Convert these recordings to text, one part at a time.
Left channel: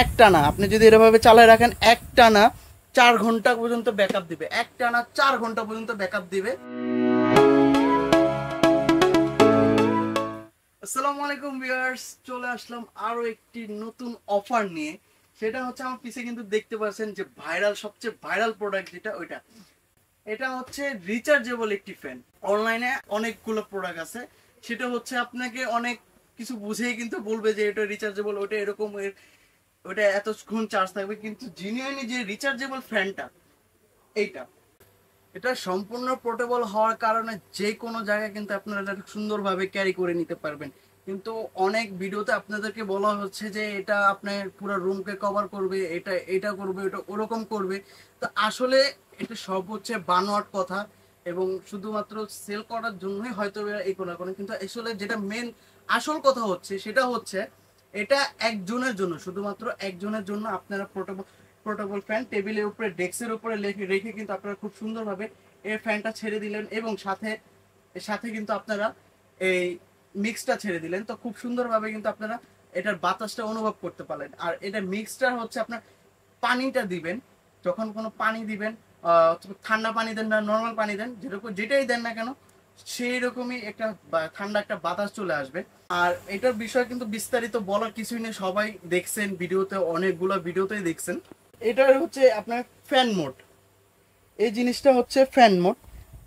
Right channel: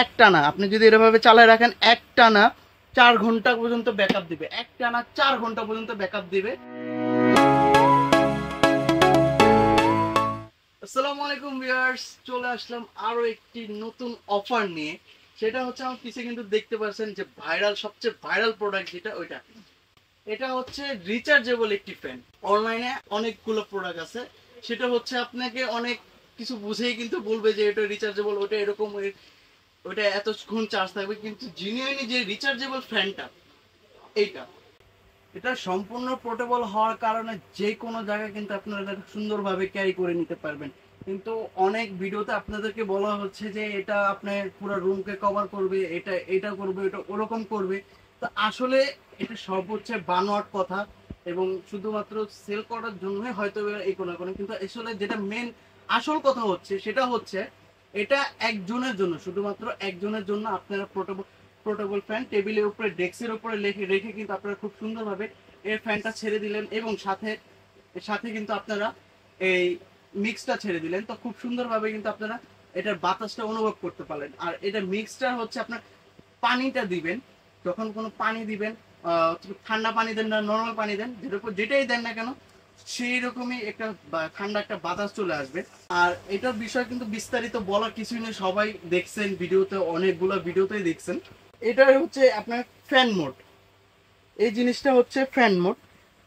একটানা আপনি যদি এভাবে চালায় রাখেন একটানা 4 ঘন্টা পর্যন্ত ব্যাকআপ দিবে, একটানা 4 ঘন্টা পর্যন্ত ব্যাকআপ দিবে। আসসালামু আলাইকুম ভিউয়ার্স, চলে আসলাম আরো একটি নতুন অফার নিয়ে। সেটা হচ্ছে আমার পিছে কিন্তু দেখতে পাচ্ছেন যে সবচেয়ে ভাইরাল প্রোডাক্ট যেটা ওইটা, এটা হচ্ছে রিচার্জেবল একটি ফ্যান। অনলাইনে অনেকগুলো প্রোডাক্ট আছে, সেটা হচ্ছে আপনাকে অনেক কিছু বুঝেই কিন্তু বলবে যে এটা রিচার্জেবল, ওটা এরকম, ওটা এতক্ষণ চার্জ থাকবে, কিন্তু জিনিউইনলি যে রিচার্জেবল ফ্যানটা এইটা, এটা সম্পূর্ণ পোর্টেবল হওয়ার কারণে যে কোনো জায়গায় কিন্তু আপনারা এটা সুন্দরভাবে ক্যারি করে নিতে পারবেন। কিন্তু অনেক ভিডিওতে আপনাদেরকে বলা হচ্ছে যে এটা আপনার পুরো রুমকে কভার করবে, এটা করবে, এটা ওরকম করবে। তো আসলে এটা সব হচ্ছে বানোয়াট কথা, এবং শুধুমাত্র সেল করার জন্যই হয়তো এই কোনো কোনো, কিন্তু আসলে যেটা মেন আসল কথা হচ্ছে সেটা হচ্ছে এটা একজনের জন্য, শুধুমাত্র একজনের জন্য আপনারা পোর্টেবল ফ্যান টেবিলের উপরে, ডেস্কের উপরে রেখে কিন্তু আপনারা খুব সুন্দরভাবে এই ফ্যানটা ছেড়ে দিলেন, এবং সাথে সাথে কিন্তু আপনারা এই মিক্সটা ছেড়ে দিলেন। তো খুব সুন্দরভাবে কিন্তু আপনারা এটার বাতাসটা অনুভব করতে পারলেন। আর এটা মিক্সটা হচ্ছে আপনার পানিটা দিবেন, যখন কোনো পানি দিবেন, ঠান্ডা পানি দেন না নর্মাল পানি দেন, যেটাই দেন না কেন সেই রকমই একটা ঠান্ডা একটা বাতাস চলে আসবে। আর এটার বিষয় কিন্তু বিস্তারিত বলার কিছুই নেই, সবাই দেখছেন ভিডিওতে, অনেকগুলো ভিডিওতেই দেখছেন। এটা হচ্ছে আপনার ফ্যান মোড, এই জিনিসটা হচ্ছে ফ্যান মোড।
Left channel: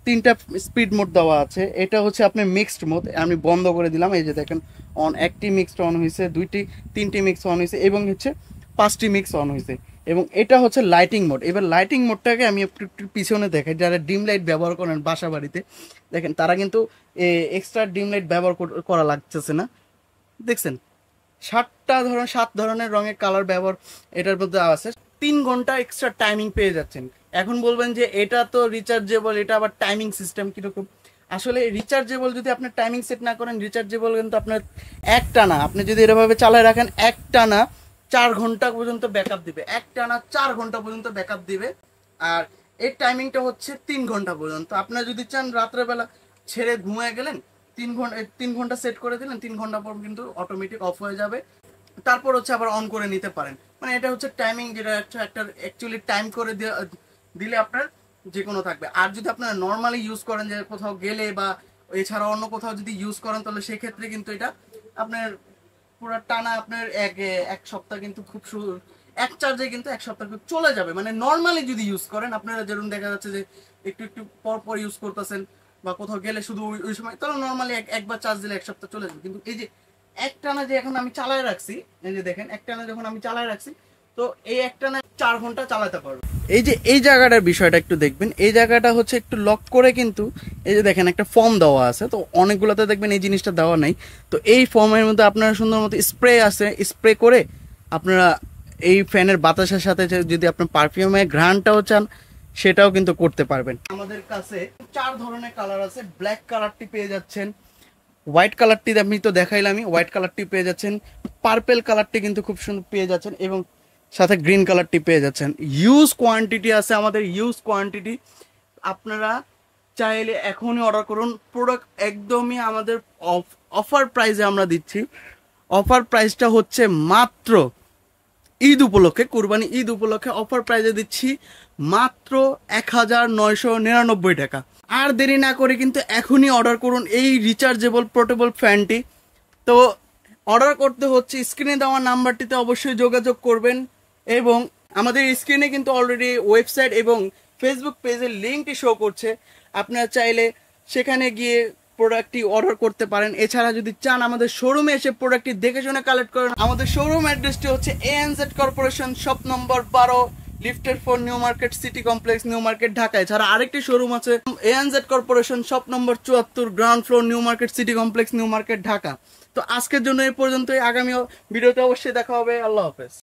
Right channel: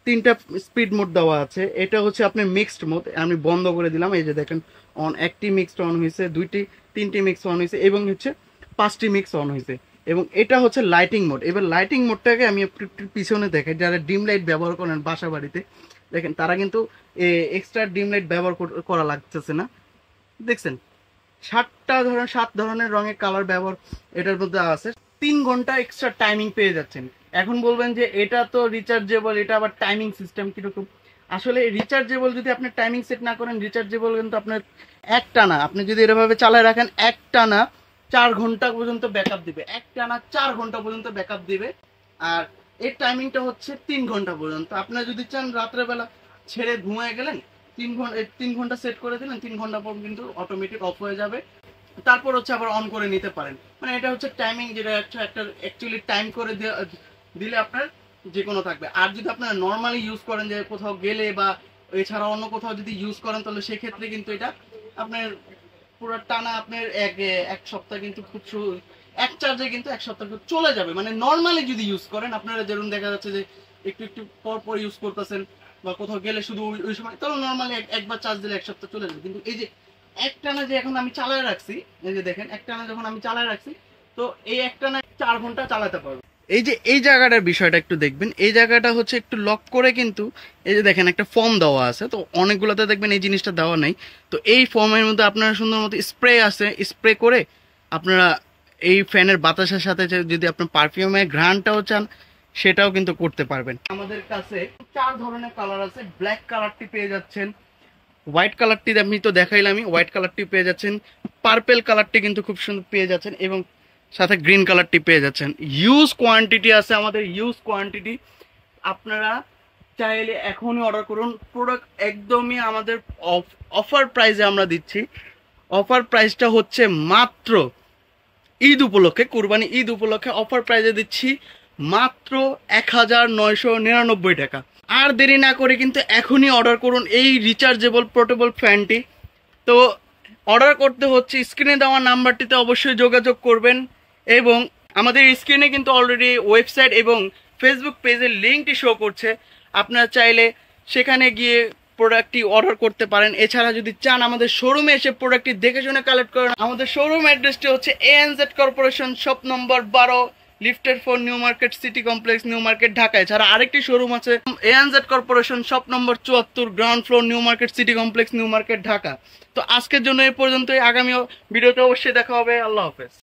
3টা স্পিড মোড দেওয়া আছে। এটা হচ্ছে আপনার মিক্সড মোড, আমি বন্ধ করে দিলাম, এই যে দেখেন একটি মিক্সড অন হয়েছে, 3টি মিক্স অন হয়েছে, এবং হচ্ছে 5টি মিক্স অন হয়েছে। এবং এটা হচ্ছে লাইটিং মোড। এবার লাইটিং মোডটাকে আমি একটু পিছনে দেখাই। যারা ডিম লাইট ব্যবহার করেন বাসা বাড়িতে, দেখেন তারা কিন্তু এক্সট্রা ডিম লাইট ব্যবহার করা লাগতেছে না। দেখছেন 7 ধরনের রঙের কালার ব্যবহার এটার মধ্যে আছে। 3 ঘন্টা এক্সট্রা টাইমিং পেয়ে যাচ্ছেন। এখন বলবেন যে এটা তো রিচার্জেবল, এটা আবার টাইমিং সিস্টেম কিরকম? আসলে রিচার্জেবল যদি আপনি টাইমিং সেট না করেন, রিচার্জেবল কিন্তু আপনার একটানা আপনি যদি এভাবে চালায় রাখেন একটানা 4 ঘন্টা পর্যন্ত ব্যাকআপ দিবে, একটানা 4 ঘন্টা পর্যন্ত ব্যাকআপ দিবে। আর এর টাইমিংটা হচ্ছে 3 ঘন্টা পর্যন্ত। আপনারা যদি চান রাত্রেবেলা ছেড়ে ঘুমিয়ে গেলেন, 3 ঘন্টা সেট করে দিলেন, 3 ঘন্টা পর কিন্তু অটোমেটিক অফ হয়ে যাবে। তারপর হচ্ছে আবার অন করে নিতে পারেন। মানে এটা হচ্ছে টাইমিং, যেটা একটা অ্যাকচুয়ালি টাইম করে দিলে আপনার যে কোনো থাকবে। আর যদি আপনারা নর্মালি ইউজ করেন, যে কোথাও গেলে বা এছাড়া অন্য কোথাও যদি ইউজ করেন, তাহলে সেক্ষেত্রে কিন্তু এটা আপনার পুরো টানা আপনার এক সপ্তাহ কিন্তু এক চার্জে কিন্তু এক সপ্তাহ চলে যাবে। মানে নর্মালি যদি ইউজ করেন, আপনারা যেরকম দেখা যাচ্ছে যে একটু একটু পর পর ইউজ করতেছেন বা কোথাও গেলে শুধু ওই সময়, তাহলে নর্মালি একবার চার্জ দিলে এক সপ্তাহ চলে যাবে। কিন্তু এই যে একটানা যে এখন আমি চালায় রাখছি, এই যে দেখেন একটানা যখন আমি চালায় রাখছি, তো এই একটানা 4 ঘন্টা চালাতে পারবো। এই যে এই জায়গাটার বিষয়টা একটু দেখবেন, এই জায়গাটা হচ্ছে একটু লক করে, কিন্তু এই যে দেখেন একটা ফর্ম দেওয়া আছে, তো অনেকগুলোতে দেখবেন এই জিনিসটা দেওয়া নেই। তো এই ফর্মের মধ্যে আপনারা সুন্দর মতো স্প্রে আছে, স্প্রে করে আপনারা এই ফ্যানের বাতাসের সাথে যদি আপনার পারফিউমের ঘ্রাণটাও চান, সেটাও কিন্তু করতে পারবেন। আমাদের কাছে 4 ধরনের কালার আছে। ব্ল্যাক কালারটি পেয়ে যাচ্ছেন, হোয়াইট কালারটি আমি তো দেখাইলামই, হোয়াইট কালারটি পেয়ে যাচ্ছেন, পার্পেল কালারটি কিন্তু খুব সুন্দর পেয়ে যাচ্ছেন, এবং সাথে গ্রিন কালারটি পেয়ে যাচ্ছেন। ইউজ কোয়ান্টিটি আছে আমাদের, ইউজ কোয়ান্টিটি। আপনারা চাইলে এখনই অর্ডার করুন। প্রোডাক্ট একদমই আমাদের অফার প্রাইসে আমরা দিচ্ছি। অফার প্রাইসটা হচ্ছে মাত্র ঈদ উপলক্ষে, কুরবানি ঈদ উপলক্ষে অফার প্রাইসে দিচ্ছি মাত্র 1999 টাকা। আর দেরি না করে কিন্তু এখনই অর্ডার করুন এই রিচার্জেবল পোর্টেবল ফ্যানটি। তো অর্ডার করতে হচ্ছে স্ক্রিনে দেওয়া নাম্বারটিতে অবশ্যই যোগাযোগ করবেন, এবং আমাদের স্ক্রিনে কিন্তু অলরেডি ওয়েবসাইট এবং ফেসবুক পেজের লিঙ্কটি শো করছে। আপনারা চাইলে সেখানে গিয়ে প্রোডাক্টটি অর্ডার করতে পারেন। এছাড়া যদি চান আমাদের শোরুমে এসে প্রোডাক্টটি দেখে শুনে কালেক্ট করেন, আমাদের শোরুম অ্যাড্রেসটি হচ্ছে ANZ corporation shop number 12, lifted 4, new market city complex, new market, Dhaka. এছাড়া আরেকটি শোরুম আছে ANZ corporation shop number 74, ground floor, new market city complex, new market, Dhaka. তো আজকের জন্য এই পর্যন্তই। আগামী ভিডিওতে অবশ্যই দেখা হবে। আল্লাহ হাফেজ।